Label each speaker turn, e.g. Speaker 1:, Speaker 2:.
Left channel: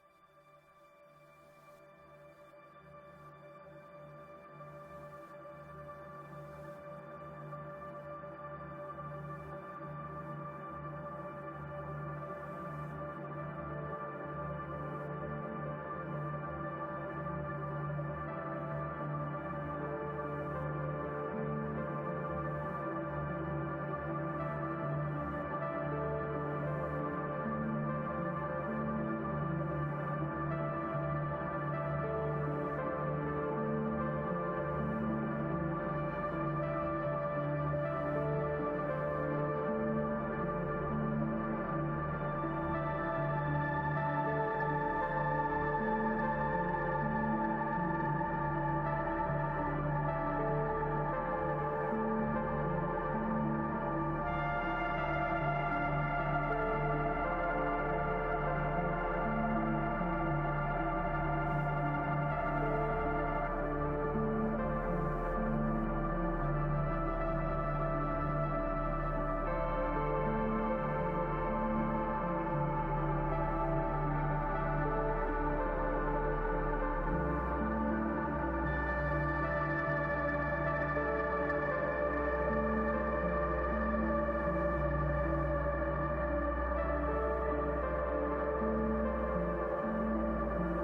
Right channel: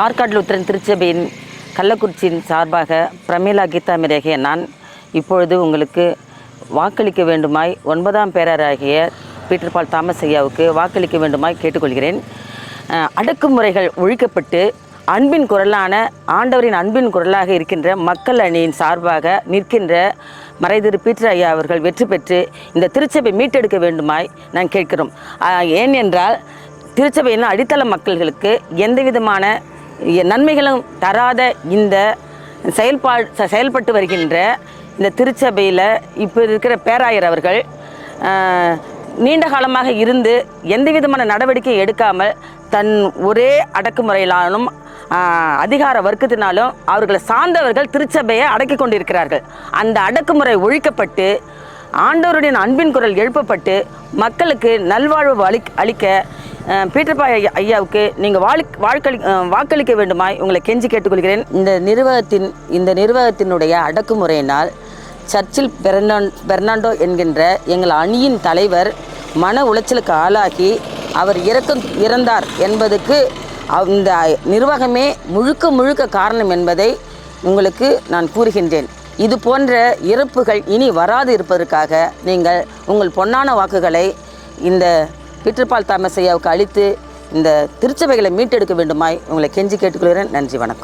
Speaker 1: ஆற்காடு உத்திரன் திருச்சபையின் கள்ளக்குறிச்சியின் சார்பாக பிரமிளா கீதா மிரேகிய நான் இப்பொழுது உங்களுக்கு வாக்களிக்க வேண்டுமாய் ஒன்பதாம் பேரராகிய பீட்டர் பால் தாமஸ் ஐயாவுக்கு வாக்களிக்க வேண்டுமாய் கேட்டுக்கொள்கிறேன். அடக்குமுறைகள் ஒழிக்கப்பட்டு அன்பின் குரலான ஆண்டவரின் அன்பின் குரலாக இருக்கின்ற மக்கள் அணியின் சார்பாக நிற்கின்ற மறைதிரு பீட்டர் ஐயா அவர்கள் வெற்றி பெற்று இந்த திருச்சபை மீட்டெடுக்க வேண்டுமாய் நான் கேட்கிறோம். ஏன் என்றால் திருச்சபையின் அடித்தள மக்கள்களுக்கு எந்த விதமான நன்மைகளும் தராத இந்த செயல்பா ச- செயல்பட்டு வருகின்ற இந்த திருச்சபையில் இப்போ இருக்கிற பேராயர் அவர்கள் நீண்ட காலமாக இருந்து எந்த விதமான நடவடிக்கை எடுக்காமல் தன் ஒரே அடக்குமுறையிலானும் அதிகார வர்க்கத்தினாலும் அவர்களை சார்ந்தவர்கள் திருச்சபையை அடக்கி கொண்டிருக்கிறார்கள். அந்த அடக்குமுறை ஒழிக்கப்பட்டு ஆண்டவருடைய அன்பின் குரல் எழுப்பப்பட்டு மக்களுக்கு நல்வாழ்வு அளி அளிக்க பீட்டர்பாய் ஐயா- ஐயாவுக்கு நீங்கள் வாழ் வாழ்க்களி வாக்களிக்க வேண்டுமாய் உங்களை கெஞ்சி கேட்டுக்கொள்கிறேன். இந்த நிர்வாகத்தின் இந்த நிர்வாகத்தினுடைய அடக்குமுறையினால் சர்ச்சில் பெர்னான் பெர்னாண்டோ என்கின்ற எங்கள் அணியின் தலைவர் மன உளைச்சலுக்கு ஆளாகி அவர் இறக்கம் இறந்தார் என்பதுக்கு அந்த நிர்வாகமே முழுக்க முழுக்க காரணம் என்பதை உங்களுக்கு நான் கூறுகின்றேன். இது போன்ற இறப்புகள் இனி வராது இருப்பதற்காக நீங்கள் உங்கள் பொன்னான வாக்குகளை இந்த பீட்டர்பால் தாமசையாவுக்கு அளித்து இந்த திருச்சபைகளை மீட்டெடுக்க வேண்டுமாய் உங்களை கெஞ்சி கேட்டுக்கொள்கிறேன். நன்றி வணக்கம்.